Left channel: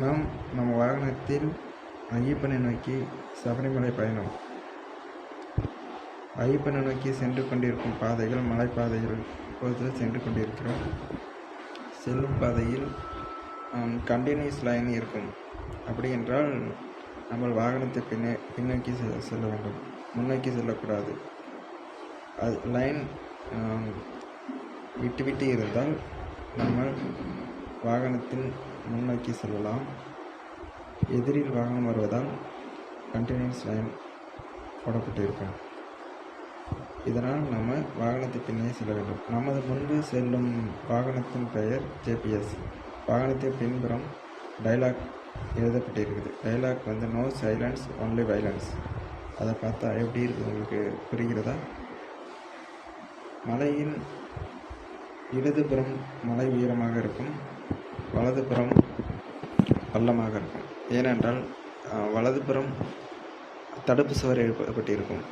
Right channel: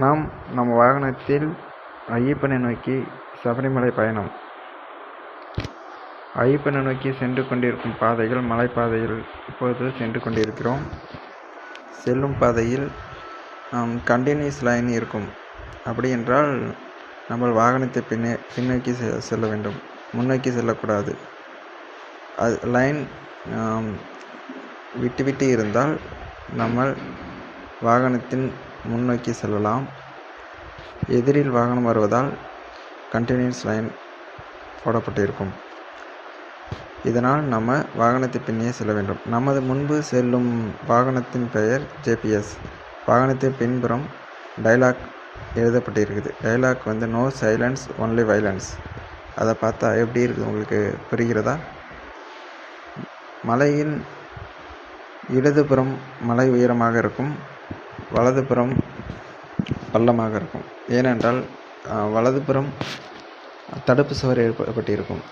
நாம் நம் வாகனத்தில் ஐயப்பனை நோக்கி சபரிமலை பயணம். ஐயப்பனை நோக்கி சென்று கொண்டிருக்கும் பாதைகள் மலைப்பாதையில் இப்போது சென்று கொண்டிருக்கிறோம். செல்லும் பாதையில் கண்டினியூஸ் லைன் இருக்கும். அப்படி என்றால் நம்ம வாகனத்தை பின்னே பின்னோக்கி செ செல்ல வேண்டும். முன்னோக்கி செல்லக்கூடாது. அது லைன் விட்டு விட்டு இருந்தால் நம்ம வாகனத்தின் முன்னோக்கி செல்லலாம். எதிரில் வாகனம் வருவதால் கண்டினியூஸ் லைன் போடப்பட்டிருக்கும். இதனால் நம்ம வாகனத்தை பின்னே செல்ல வேண்டும். நமது முன்பு செல்லும் வாகனத்தின் பெயர் ஜேபிஎஸ் வாகனத்தின் பின்புறம் டைலாக் எழுதப்பட்டிருக்குது. டைலாக் வந்து நோ சைலன்ஸ் ஒன்லி வைலன்ஸ் அதை பார்த்தா எப்படி இருக்குது உங்களுக்கு புரிகிறதா? மலையின் இடதுபுறம் மலை உயரமாக இருக்கும். வலதுபுறம் பள்ளமாக இருக்கும். ஏனென்றால் வலதுபுறம் தடுப்பு சுவர் ஏற்பட்டிருக்கும்.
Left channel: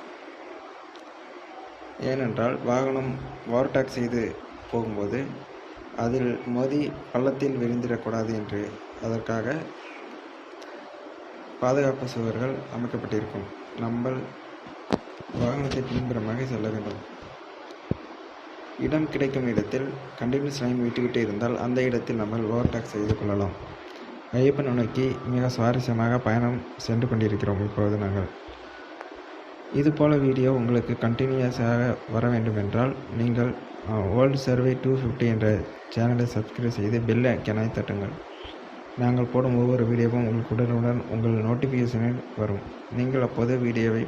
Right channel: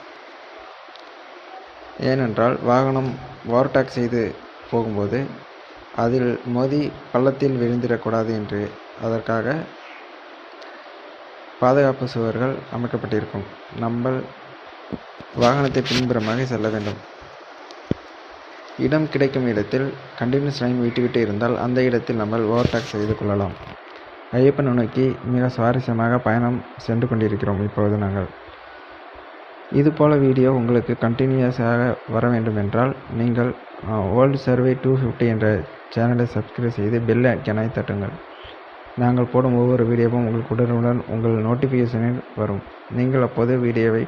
ஏனென்றால் வாகனம் ஓவர்டேக் செய்து போகும்போது அதில் மோதி பள்ளத்தில் விழுந்திடக்கூடாது என்று அதற்காக பாதுகாப்பு சுவர்கள் அமைக்கப்பட்டிருக்கும். நம்ம வாகனத்தை பின்புறமாக செல்ல வேண்டும். இடம் கிடைக்கும் இடத்தில் கண்டினியூஸ் லைன் விட்டுவிட்டு இருந்தால் அந்த இடத்தில் நம்ம ஓவர்டேக் செய்து கொள்ளலாம். ஐயப்பனை நோக்கி மிக சுவாரஸ்யமாக பயணம் சென்று கொண்டிருக்கிறோம் இப்போது நாங்கள். இதுபோல் வீடியோ உங்களுக்கு கண்டினியூஸாக வர வேண்டும் என்றால் நீங்கள் வேர்ல்டு சர்வே டூ ஃபிஃப்டி என்ற சேனலை சப்ஸ்கிரைப் செய்து பெல் ஐக்கனை தட்டுங்கள். நாங்கள் போடும் ஒவ்வொரு வீடியோவும் உங்களுக்கு உடனுடன் உங்கள் நோட்டிஃபிகேஷனில் வரும். நீங்கள் அப்போது வீடியோவை